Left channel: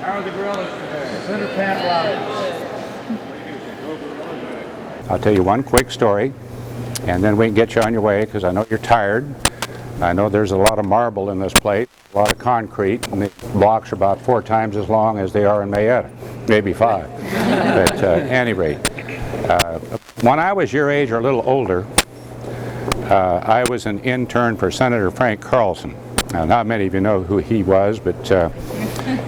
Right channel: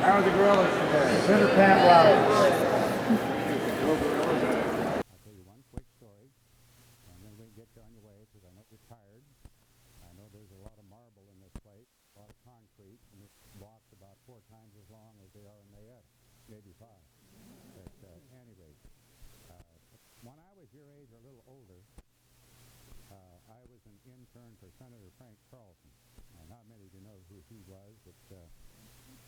How are the gorillas today? Senator Pat Roberts. I'll tell you one quick story, and then we can get you on your way, because I know you're tired. I know there's a lot of marble in this place, a lot of concrete, and the blocks are about 4 times as long as they are in Mayetta, maybe 5. But at any rate, when I was your age or a little older, I was an intern for Senator Frank Carlson. Now, not many of you know who he was, but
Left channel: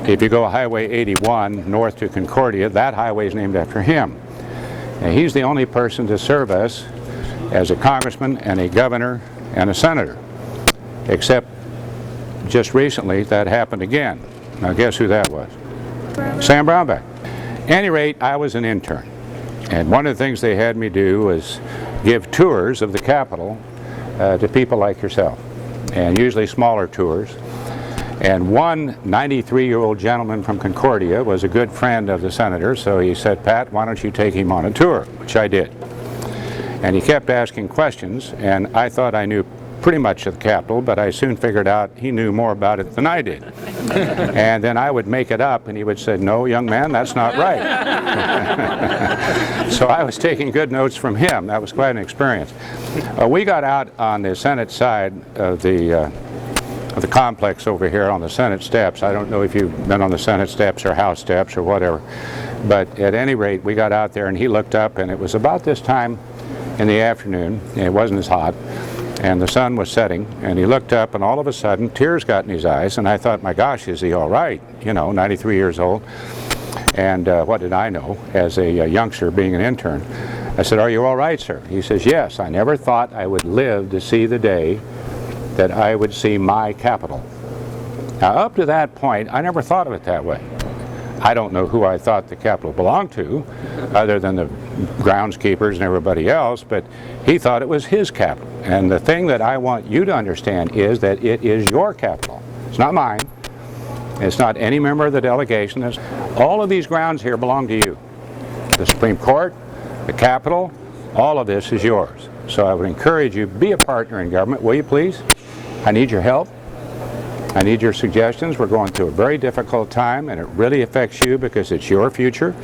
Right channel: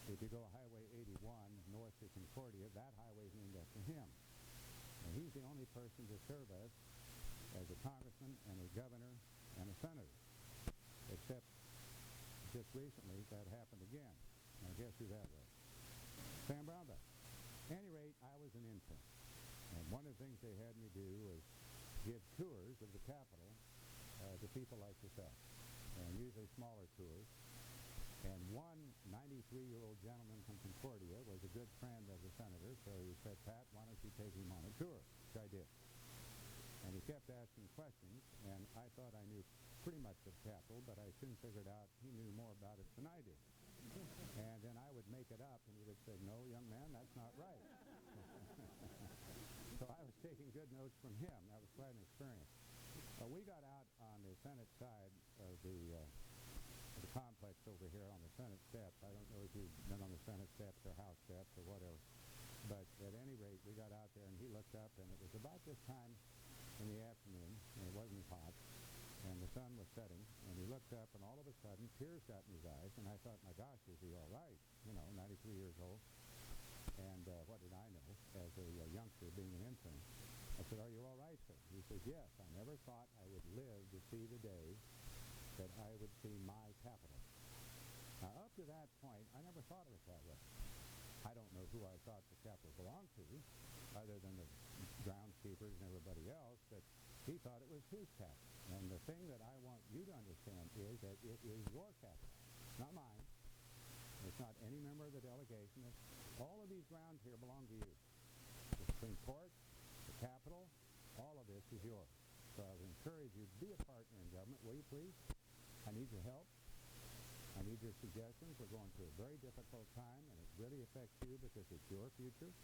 if you go Highway 81 north to Concordia, that highway is named after him. And he's the only person to serve us as a congressman and a governor and a senator, except just recently that happened again. Now guess who that was? Sam Brownback. At any rate, I was an intern, and one of the things they had me do was give tours of the Capitol to people like yourself, and usually smaller tours. And one 93-year-old gentleman from Concordia was a good friend of the senator, so he said, Pat, why don't you take him on a tour, which I did. And he kept asking questions, and I thought I knew pretty much of the Capitol, but I soon figured out he knew more about it than I did. And then I would make it up, and he would say, no, young man, that's not right. So I was taking good notes from him. That was quite an experience. We got out on the Senate side of the complex over here on the Senate steps. I don't know if you've been on the Senate steps or House steps or whatever, but at any rate, we got out there and he looked up, and it was about this time in the afternoon, and it wasn't as hot, and the sun was setting, and he looked up, and all of a sudden tears got in his eyes, and I thought, my gosh, is he all right? You know, 93 years old. And what did I know as a youngster being an intern? I said, are you all right, sir? He says, yes, I never thought I would live to see the day that I would see my Capitol. Now, up to that point, I never thought of it that way. I don't know who I thought the Capitol belonged to, other than the groundskeepers and everybody else, but he thought it was his Capitol. And the thing that I want you to understand is that it is your Capitol. It's not mine. It's not any member of the delegation. All of these grounds here belong to you. The Supreme Court, the Capitol, all of this is yours. So I would encourage you, be a partner in government, will you please? I need your help. I need your suggestions. We're going through a very difficult time, and it really affects you because it's your future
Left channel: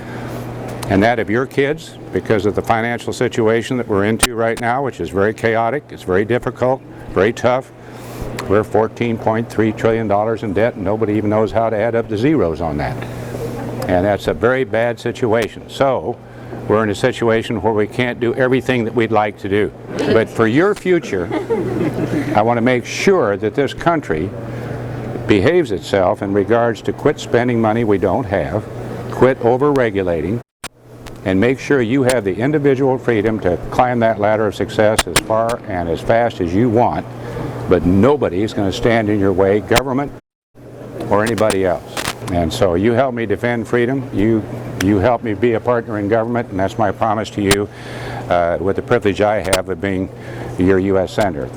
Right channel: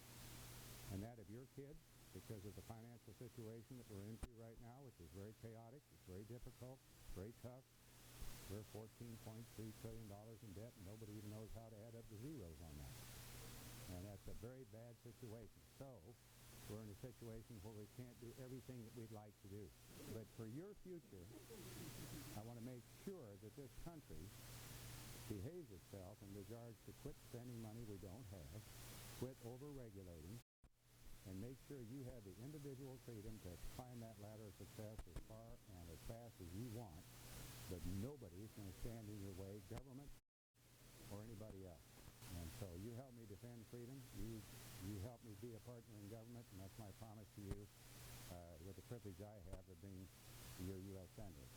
and that of your kids because of the financial situation that we're into right now, which is very chaotic. It's very difficult, very tough. We're $14.3 trillion in debt, and nobody even knows how to add up the zeros on that. And that's a very bad situation. So we're in a situation where we can't do everything that we'd like to do. But for your future, I want to make sure that this country behaves itself in regards to quit spending money we don't have, quit over-regulating, and make sure you have the individual freedom to climb that ladder of success as far and as fast as you want, but nobody is going to stand in your way, government or anybody else. And so you help me defend freedom, you help me be a partner in government, and that's my promise to you with the privilege I have of being your U.S. Senator.